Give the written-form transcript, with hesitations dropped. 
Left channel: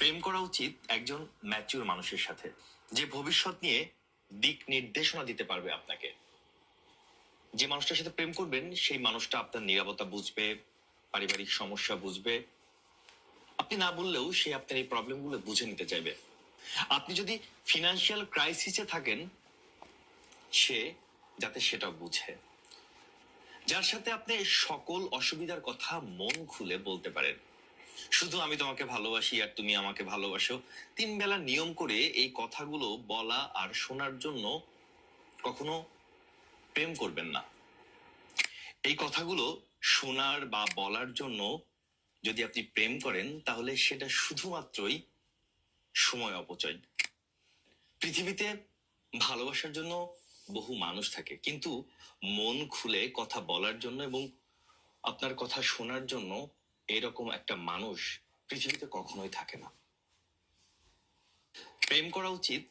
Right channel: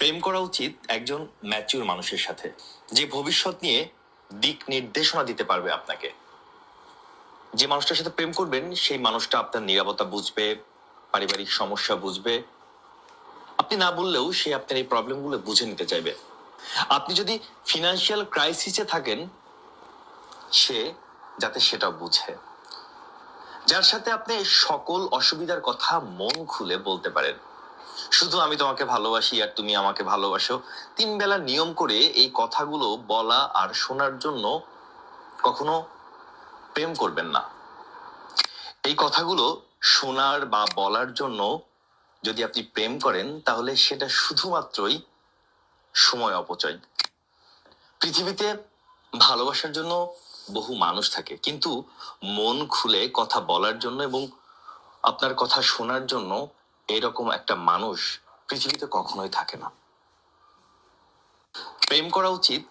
প্রেম করা উচিত একজন ম্যাচিউর মানুষের সাথে, যে ভবিষ্যৎ নিয়ে দিক নির্দেশনা দিতে পারবে আপনাকে। যে মানুষটার সাথে প্রেম করবেন সেই মানুষটা আপনার নিরাপত্তা বুঝবে, পারিবারিক সমস্যা বুঝবে। আপনি না বললেও সে আপনার এই প্রবলেমগুলো বুঝে নিতে চাইবে। আপনি যদি ফিনান্সিয়াল ক্রাইসিসে থাকেন, সে যাতে সেটা বুঝে। যার সাথে আপনি সকল অসুবিধার কথা মন খুলে বলতে পারেন। শুধু আমি তোমাকে ভালোবাসি আর তুমি আমাকে ভালোবাসো, 3 বেলা নিয়ম করে এই কথাগুলো বলা আর শোনার জন্য কখনো প্রেম করবেন না। এই কথাগুলো শোনার বা বলার জন্য যদি আপনি প্রেম করেন, তাহলে সেটা শুধুমাত্রই সময় অপচয়। পৃথিবীতে ভালোবাসার জন্য বহু মানুষ থাকে, কিন্তু মন খুলে কথা বলার জন্য এবং আপনার কথা শোনার জন্য এরকম একটা মানুষ পৃথিবীতে কখনোই থাকে না। প্রেম করা উচিত